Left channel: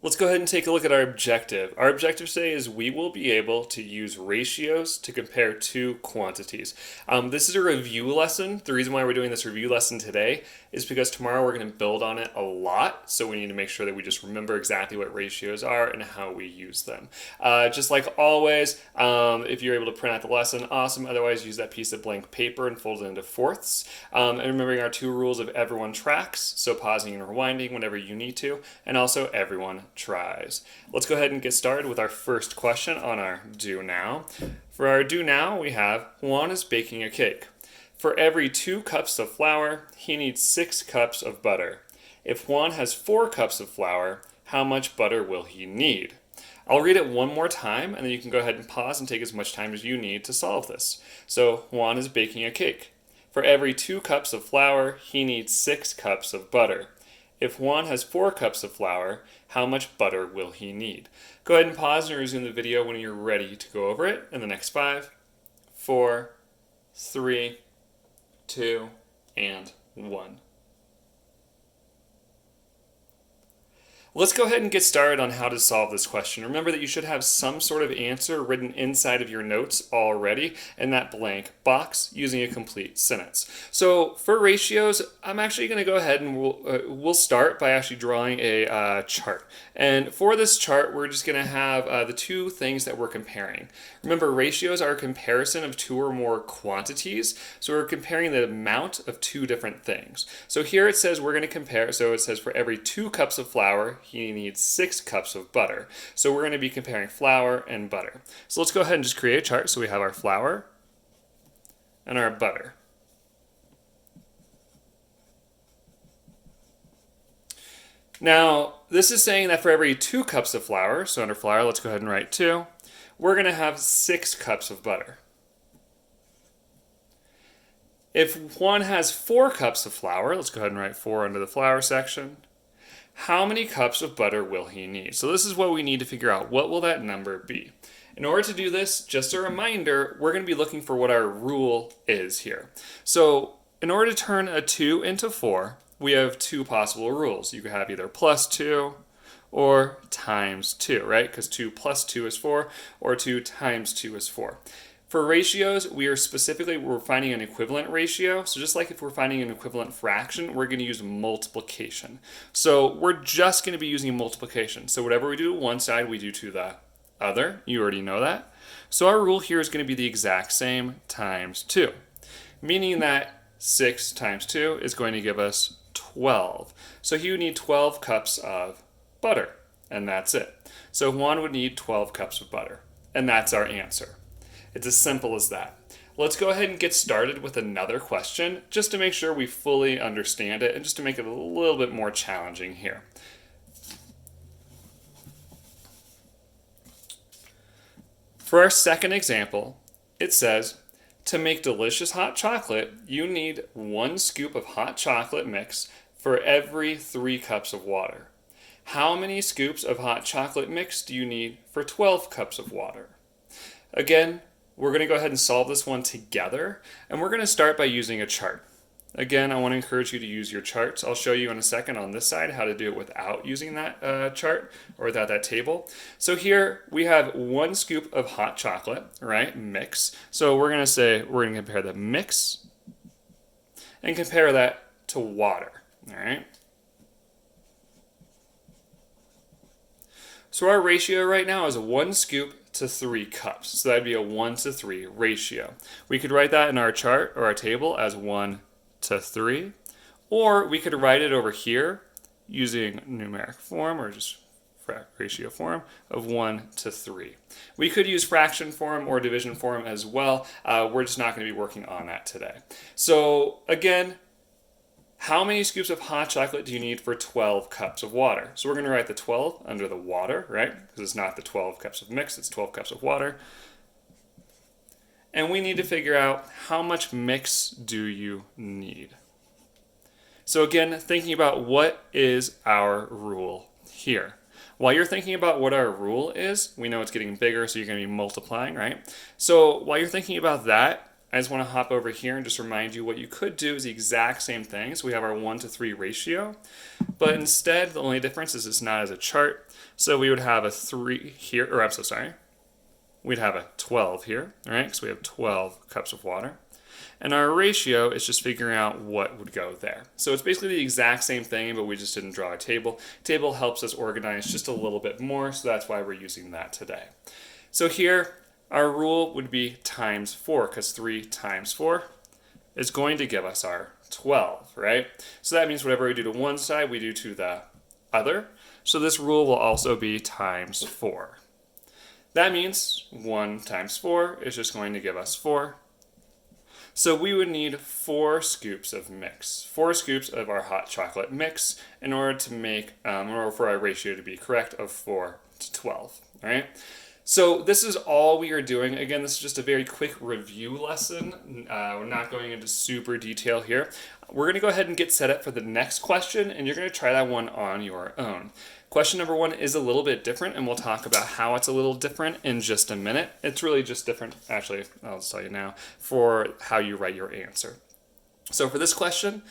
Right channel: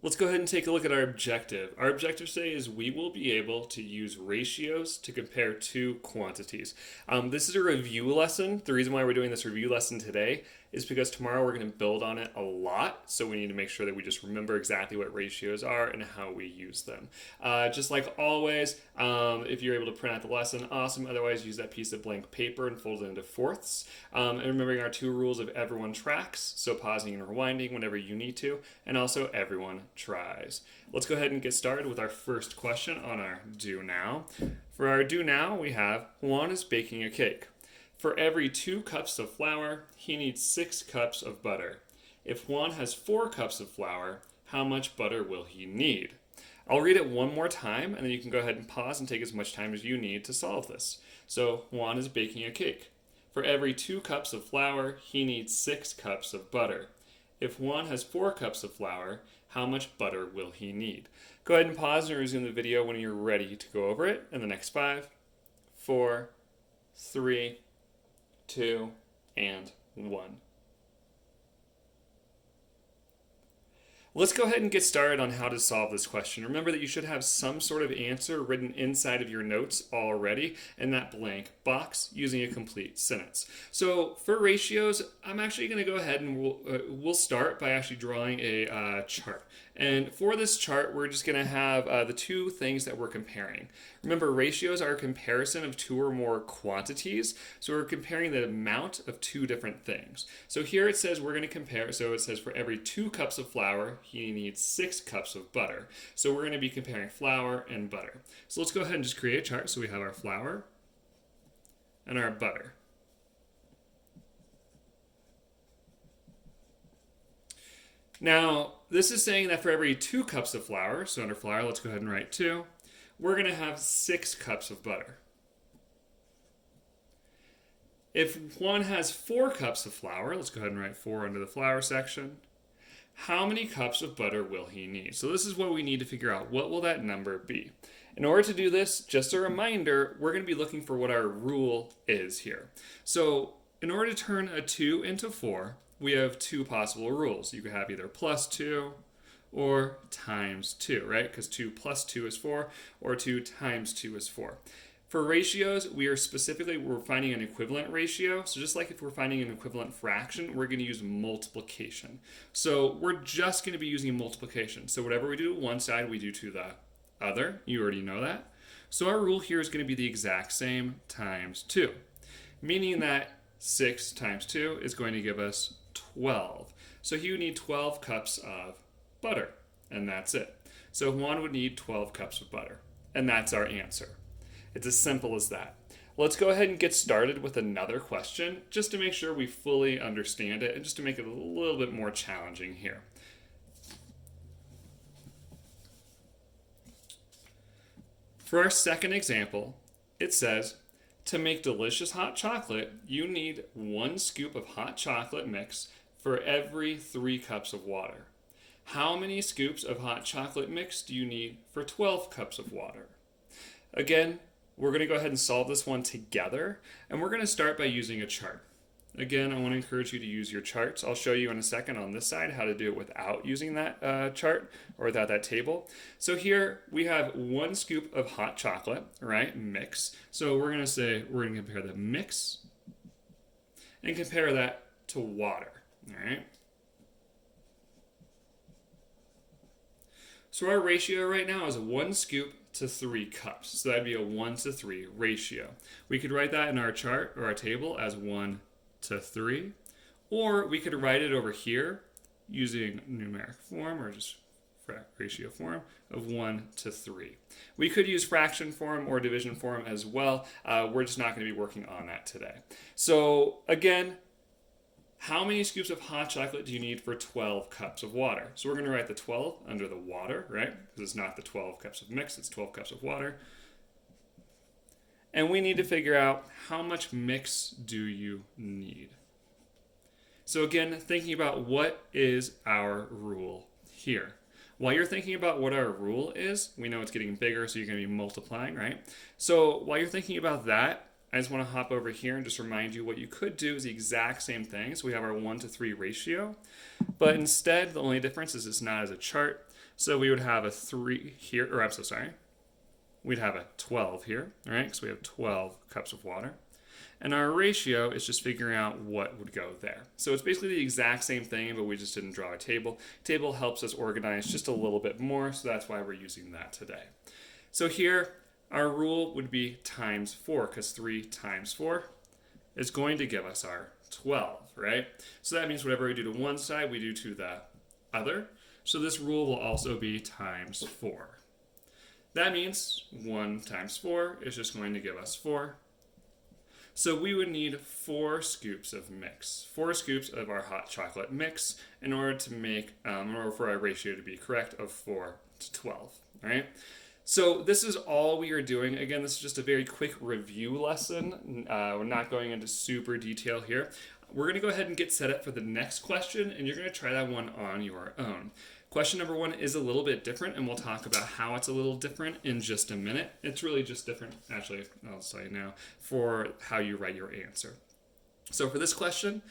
Let's go ahead and take a look at our objective. Our objective today is we will be able to use ratios to compare two quantities. This is a review lesson. The reason why we're doing this review lesson today is because tomorrow we're going to build on it a lot. So we need to make sure that we just remember exactly what ratios are and how we use them. Just like always, if you're able to print out the lesson, awesome. Otherwise, use that piece of blank paper and fold it into fourths. And remembering our two rules of everyone tracks, so pausing and rewinding whenever you need to, and also everyone tries. Let's go ahead and get started with our first question on our do now. For our do now, we have Juan is baking a cake. For every 2 cups of flour, he needs 6 cups of butter. If Juan has 4 cups of flour, how much butter will he need? I'll read it one more time, and then you can go ahead and pause and take as much time as you need to solve this. So, Juan is baking a cake. For every 2 cups of flour, he needs 6 cups of butter. If Juan has 4 cups of flour, how much butter will he need? Go ahead and pause and resume the video when you're ready to go over it in the next 5, 4, 3, 2, and 1. Let's go ahead and get started on how to solve this question. Remember that you should have some sort of answer written inside of your notes already in that blank box using a complete sentence. So for ratios, I'm actually going to go ahead and we'll start by actually drawing a chart. And for this chart, we're just going to have the two things that we're comparing. Remember, ratios are a comparison of 2 or more quantities. So we're comparing the amount of 2 different things. So here it says we're going to compare, so it says for every 2 cups of flour, he needs 6 cups of butter. So we're going to be comparing flour and butter. So let's go ahead and just create a chart. So we have our flour and our butter. Now, this is saying that for every 2 cups of flour, so under flour, let's go ahead and write 2, we're going to have 6 cups of butter. If one has 4 cups of flour, let's go ahead and write 4 under the flour section. How many cups of butter will he need? So this is what we need to figure out. What will that number be? In order to do this, just a reminder, we're going to be looking for what our rule is here. So in order to turn a 2 into 4, we have 2 possible rules. You could have either plus 2 or times 2, right? Because 2 plus 2 is 4, or 2 times 2 is 4. For ratios, we're finding an equivalent ratio. So just like if we're finding an equivalent fraction, we're going to use multiplication. So we're just going to be using multiplication. So whatever we do to one side, we do to the other. You already know that. So our rule here is going to be the exact same times 2, meaning that 6 times 2 is going to give us 12. So he would need 12 cups of butter, and that's it. So Juan would need 12 cups of butter, and that's our answer. It's as simple as that. Let's go ahead and get started with another question just to make sure we fully understand it and just to make it a little bit more challenging here. For our second example, it says, to make delicious hot chocolate, you need 1 scoop of hot chocolate mix for every 3 cups of water. How many scoops of hot chocolate mix do you need for 12 cups of water? Again, we're going to go ahead and solve this one together, and we're going to start by using a chart. Again, I want to encourage you to use your charts. I'll show you in a second on this side how to do it without using that chart or without that table. So here we have 1 scoop of hot chocolate, right, mix. So we're going to compare the mix and compare that to water, all right? So our ratio right now is 1 scoop to 3 cups. So that'd be a 1 to 3 ratio. We could write that in our chart or our table as 1 to 3, or we could write it over here using numeric form or just ratio form of 1 to 3. We could use fraction form or division form as well. We're just not going to be working on that today. So again, how many scoops of hot chocolate do you need for 12 cups of water? So we're going to write the 12 under the water, right? Because it's not the 12 cups of mix, it's 12 cups of water. And we need to figure out how much mix do you need. So again, thinking about what is our rule here. While you're thinking about what our rule is, we know it's getting bigger, so you're going to be multiplying, right? So while you're thinking about that, I just want to hop over here and just remind you what you could do is the exact same thing. So we have our 1 to 3 ratio, but instead the only difference is it's not as a chart, So we would have a 3 here, or I'm so sorry. We'd have a 12 here, all right? Because we have 12 cups of water. And our ratio is just figuring out what would go there. So it's basically the exact same thing, but we just didn't draw a table. Table helps us organize just a little bit more, so that's why we're using that today. So here, our rule would be times 4, because 3 times 4 is going to give us our 12, right? So that means whatever we do to one side, we do to the other. So this rule will also be times 4. That means 1 times 4 is just going to give us 4. So we would need 4 scoops of mix, 4 scoops of our hot chocolate mix in order to make, in order for our ratio to be correct of 4 to 12, all right? So this is all we are doing. Again, this is just a very quick review lesson. We're not going into super detail here. We're going to go ahead and get set up for the next question, and you're going to try that one on your own. Question number 1 is a little bit different, and we'll talk about how it's a little different in just a minute. It's really just different, actually, I'll just tell you now, for how you write your answer. So for this question,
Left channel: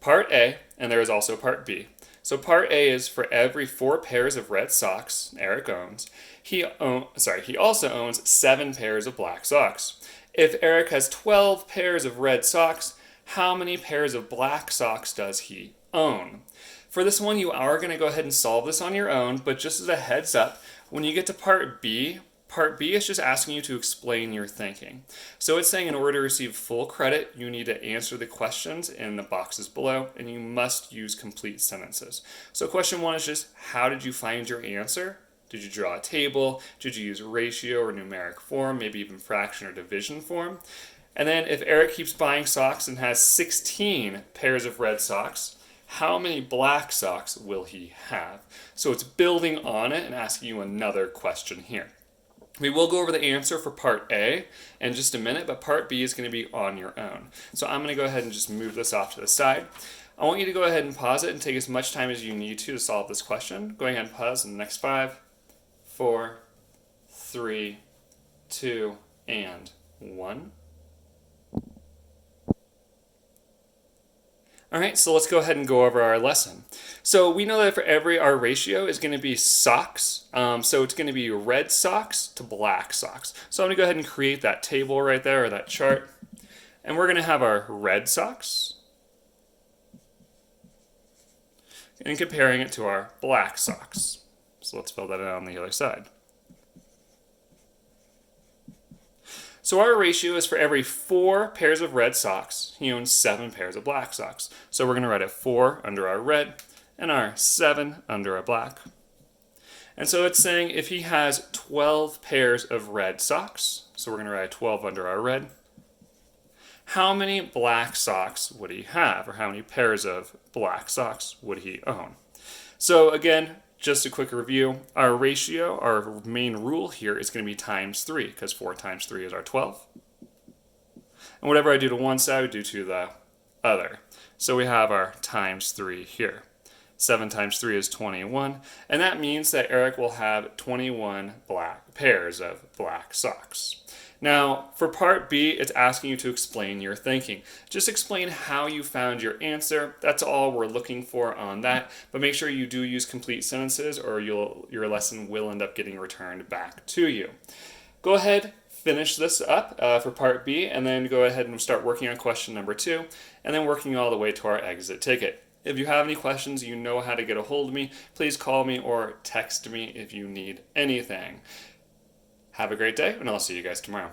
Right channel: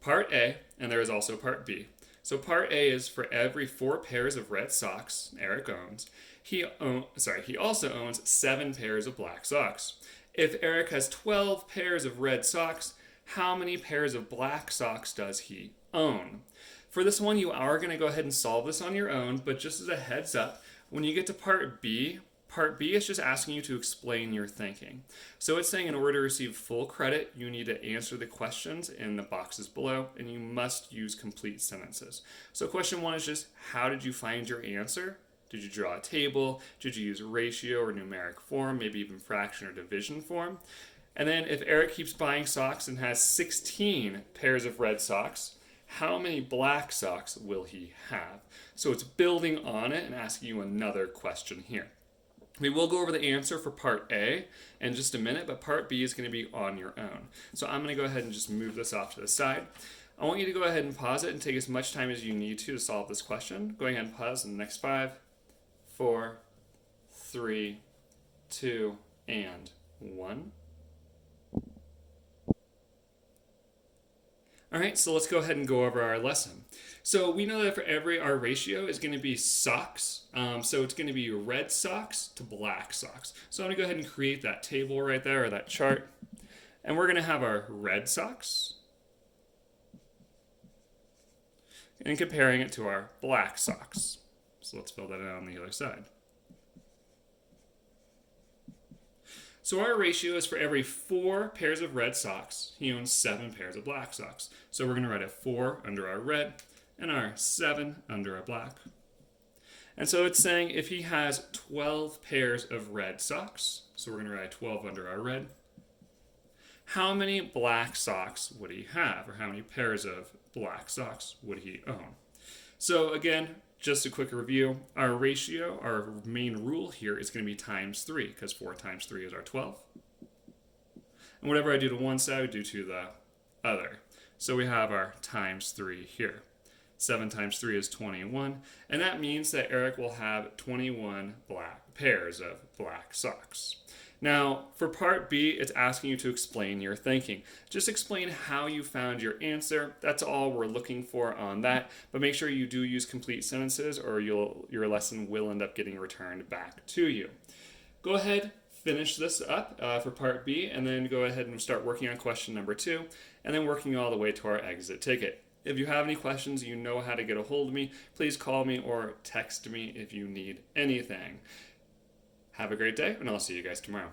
part A, and there is also part B. So part A is for every 4 pairs of red socks Eric owns, he also owns 7 pairs of black socks. If Eric has 12 pairs of red socks, how many pairs of black socks does he own? For this one, you are going to go ahead and solve this on your own, but just as a heads up, when you get to part B is just asking you to explain your thinking. So it's saying in order to receive full credit, you need to answer the questions in the boxes below, and you must use complete sentences. So question 1 is just, how did you find your answer? Did you draw a table? Did you use ratio or numeric form, maybe even fraction or division form? And then if Eric keeps buying socks and has 16 pairs of red socks, how many black socks will he have? So it's building on it and asking you another question here. We will go over the answer for part A in just a minute, but part B is going to be on your own. So I'm going to go ahead and just move this off to the side. I want you to go ahead and pause it and take as much time as you need to solve this question. Go ahead and pause in the next 5, 4, 3, 2, and 1. All right, so let's go ahead and go over our lesson. So we know that for our ratio is going to be socks. So it's going to be red socks to black socks. So I'm going to go ahead and create that table right there, or that chart. And we're going to have our red socks and comparing it to our black socks. So let's fill that in on the other side. So our ratio is for every 4 pairs of red socks, he owns 7 pairs of black socks. So we're going to write a 4 under our red and our 7 under our black. And so it's saying if he has 12 pairs of red socks, so we're going to write a 12 under our red, how many black socks would he have, or how many pairs of black socks would he own? So again, just a quick review, our ratio, our main rule here is going to be times 3, because 4 times 3 is our 12. And whatever I do to one side, I do to the other. So we have our times 3 here. 7 times 3 is 21, and that means that Eric will have 21 black pairs of black socks. Now, for part B, it's asking you to explain your thinking. Just explain how you found your answer. That's all we're looking for on that. But make sure you do use complete sentences, or your lesson will end up getting returned back to you. Go ahead, finish this up for part B, and then go ahead and start working on question number 2, and then working all the way to our exit ticket. If you have any questions, you know how to get a hold of me. Please call me or text me if you need anything. Have a great day, and I'll see you guys tomorrow.